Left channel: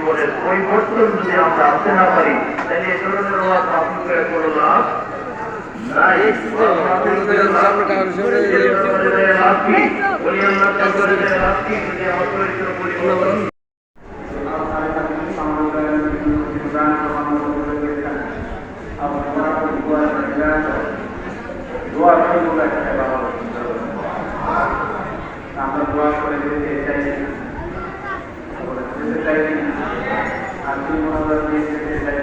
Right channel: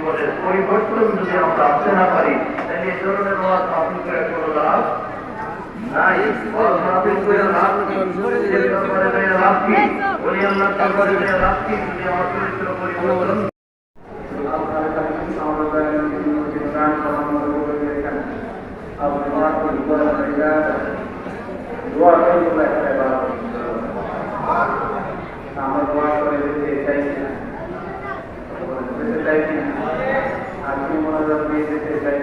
জীবনের পরিবর্তন যদি আমরা আনতে না পারি তাহলে এই ধরনের ওয়াজ আপনি করে কোনো লাভ নাই। লাভ কি বলি আল্লাহ তারপরে লাভ কি যদি আমার চরিত্র পরিবর্তন দোয়া করে আমরা দোয়া করে যেতে চাই আপনি মনোযোগ দিয়ে যেতে চাই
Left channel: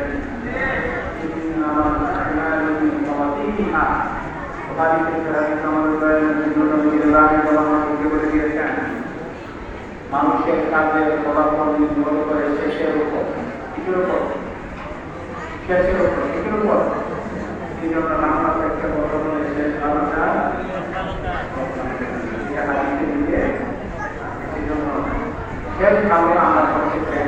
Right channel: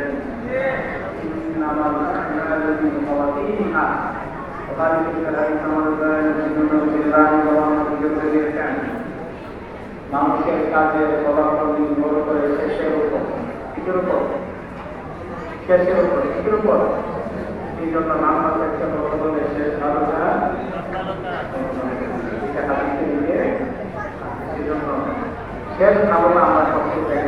মানুষের কাজের ফলাফল নির্ভর করে শেষের উপর কিছুর উপর শেষের উপর কিছুর উপর এই জন্য নামাজ একটা বড় বলে শেষ আলোচনা এই জন্য শেষ ভাবনা আমরা সবচেয়ে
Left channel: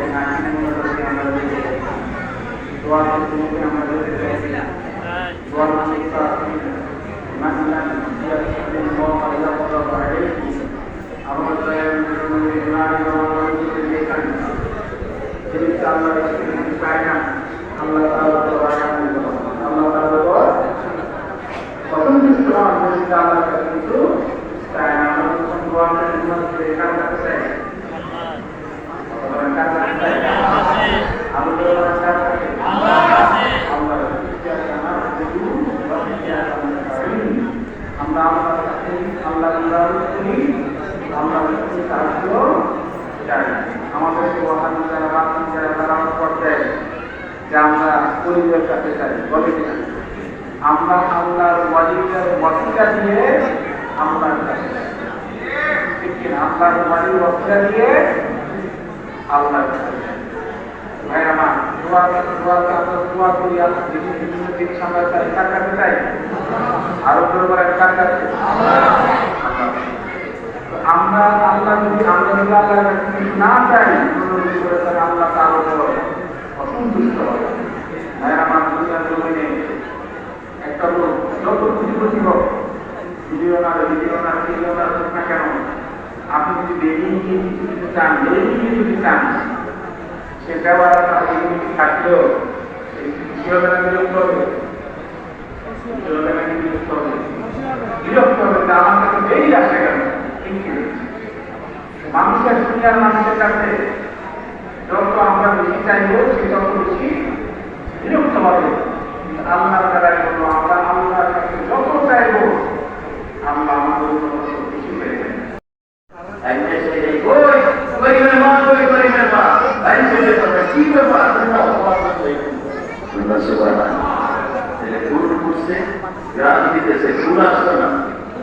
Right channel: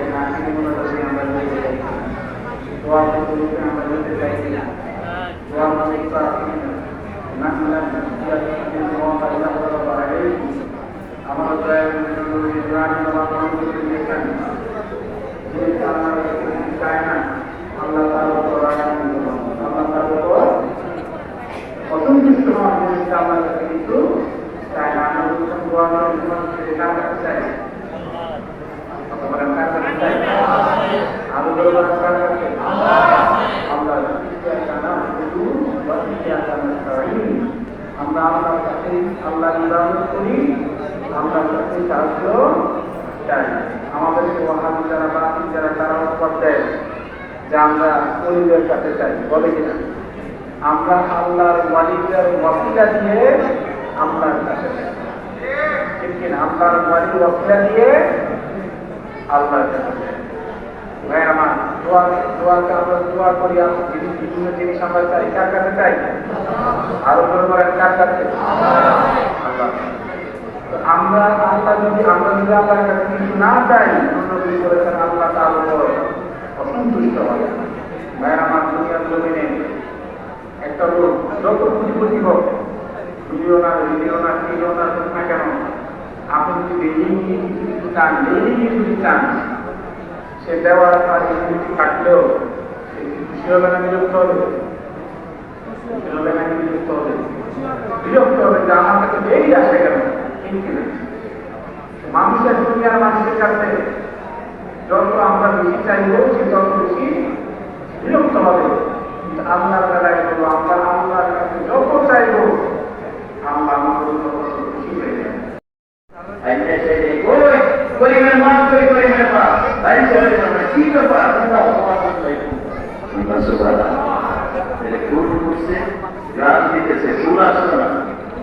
দোয়া আমরা বলতে চাইছি দোয়া আমরা আল্লাহর কাছে আল্লাহ ইবাদত করি, আমরা সাহায্য চাই। আমাদেরকে ওয়াহাবি যারা বাতিল যারা তারা করতে যে আমরা ওলিদের কাছে চাই বলে কিনা, আমরা আল্লাহর ওয়ালিদের ওয়াসিলা দিয়ে আল্লাহর কাছে ঠিক কিনা, আল্লাহর ওয়ালির ওয়াসিলা দিয়ে আল্লাহর কাছে ভাই আমার দোয়া করি বিভিন্ন জিনিস আমরা চাই কার কাছে চাই, আরো করে কার কাছে আমরা আল্লাহ যদি আল্লাহর কাছে কিছু না চাই করেছেন আল্লাহ তার উপর অসন্তুষ্ট হবে। ভাই আমার দুনিয়ার জমিনে একটা লোক যত পুঁজিপতি হোক মিলিয়নার হোক না কেন, আপনি যদি বেরিয়ে কিছু চান বেরিয়ে যদি চান সে দেওয়ার থাকলেও বিরক্ত হবে আমার কাছে বেরিয়ে আসে কেন। মানুষের দুনিয়ার মানুষের কাছে যত আমরা বেশি চাইব সে তত বেশি বিরক্ত হবে। আল্লাহর বেলায় বলবো আমরা আল্লাহর কাছে যত চাইব আমরা আমাদের খুশি হয়ে যাই।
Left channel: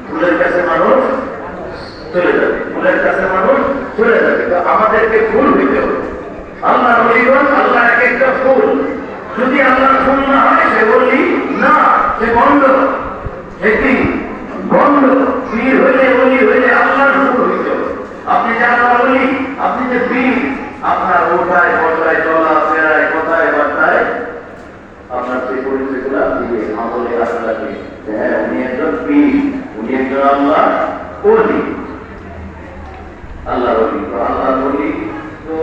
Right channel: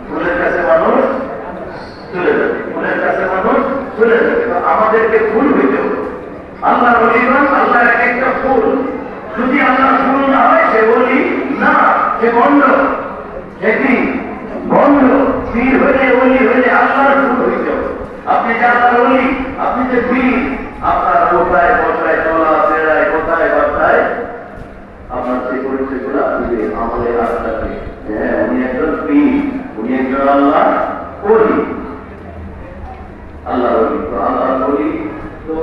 ফুলের কাছে মানুষ চলে যাবে, ফুলের কাছে মানুষ চলে যাবে, তো আমাদেরকে ফুল হইতে হবে। আল্লাহ বলিগণ আল্লাহ এক একটা ফুল, যদি আল্লাহ ফুল না হয় সে বলি না, সে বন্ধ, সেটি বন্ধ। পীর হইলে বলি হইলে আল্লাহর ফুল হইতে হবে। আপনি যারা বলি আপনি যে পীর, আপনার কোথায় বসায় চলা ফেরায় কোথায় বার্তায় আপনার সেই পরিচয়গুলো দিবে আমলে আপনাকে। হ্যাঁ, উনি একজন পীর, উনি একজন আল্লাহ বলি, আল্লাহ আল্লাহ বলি। তো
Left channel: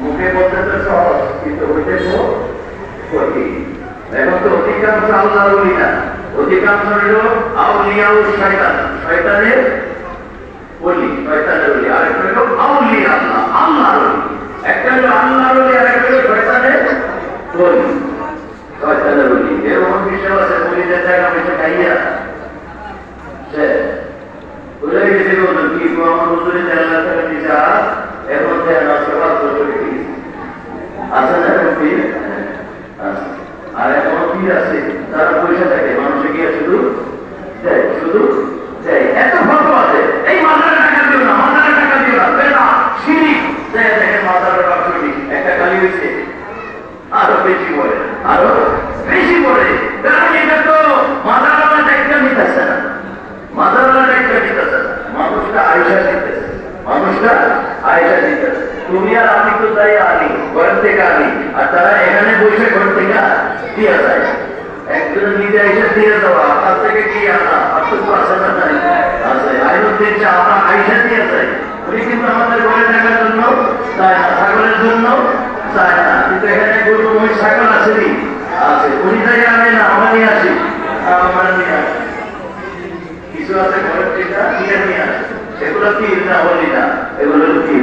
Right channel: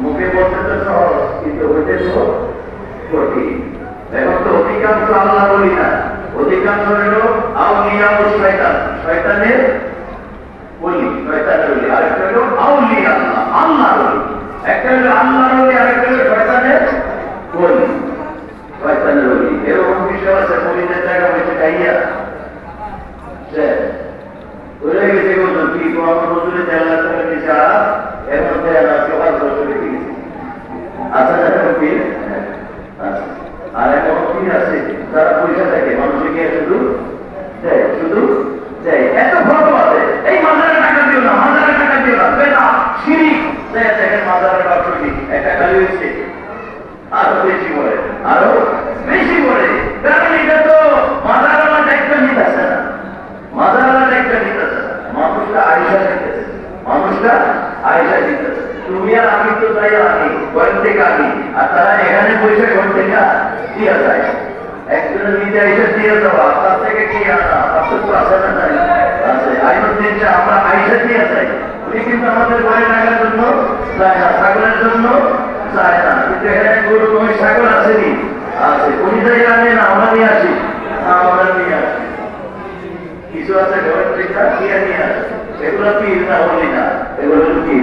মুখে বলতে তো সহজ, কিন্তু হইতে তো কঠিন। এখন তো অধিকাংশ আল্লাহ বলি না, অধিকাংশ হলো আউলিয়া ও শয়তান, শয়তানের বলি, শয়তানের বলি। আরেকটা হলো আউলিয়া আল্লাহ, আল্লাহ বলি। একটা হলো আল্লাহ বলি, আরেকটা হলো শয়তানের বলি, শয়তানের বলি। এরকম বিষয় আছে বলিদের জায়গা বসে খাইয়া সে বলে গেছে বলবেন কি আমার বছরে জানা করে দিশা এর মধ্যে আমার সবার বছরে আচ্ছা এখন পীর আর এখন পীর আছে তারা পয়সা থাকে মানুষে গিয়ে শুধু দেয়, শুধু দেয়। এত ফটো আছে, এই মাজারে টাকা দিও না, মাজারে টাকা দিও না, বেলা শিরিক দেয়। দেখেন মাজারে বাকি একটা খালি হয়েছে, আরো বেশি বলে, আরো বেশি বলে। কারণ এটা তো মাজার আমার একটা নিতে আসে না, মাজার আমার একটা নিতে আসে না, মানুষটা আয়সা দিতেছে, মানুষটা আয়সা দিতেছে। তুমি আর আমি তো তাই আনি ঘর থেকে আনি, আর তারা এখানে বসে ঘর থেকে দিয়ে যায়। একজন নিজে আইসা দিয়ে দেওয়া, তার থেকে কি আনা, আর তো আসে না, আছে আইন দিয়েছে আমরা আইসা দিয়ে যাই। উনি কিন্তু আমাদের ঘরে টাকার জন্য চায় না, ছাগলের জন্য চায় না। কিন্তু এখানে গরু ওই ছাগল আসেনি, আছে। উনি তাই আনে না, আমরা নিয়ে আসি, আমরা নিয়ে আসি। কিছু আছে ঘরের পিঠা নিয়ে আসে, এগুলো কি না হলি না, এগুলো কি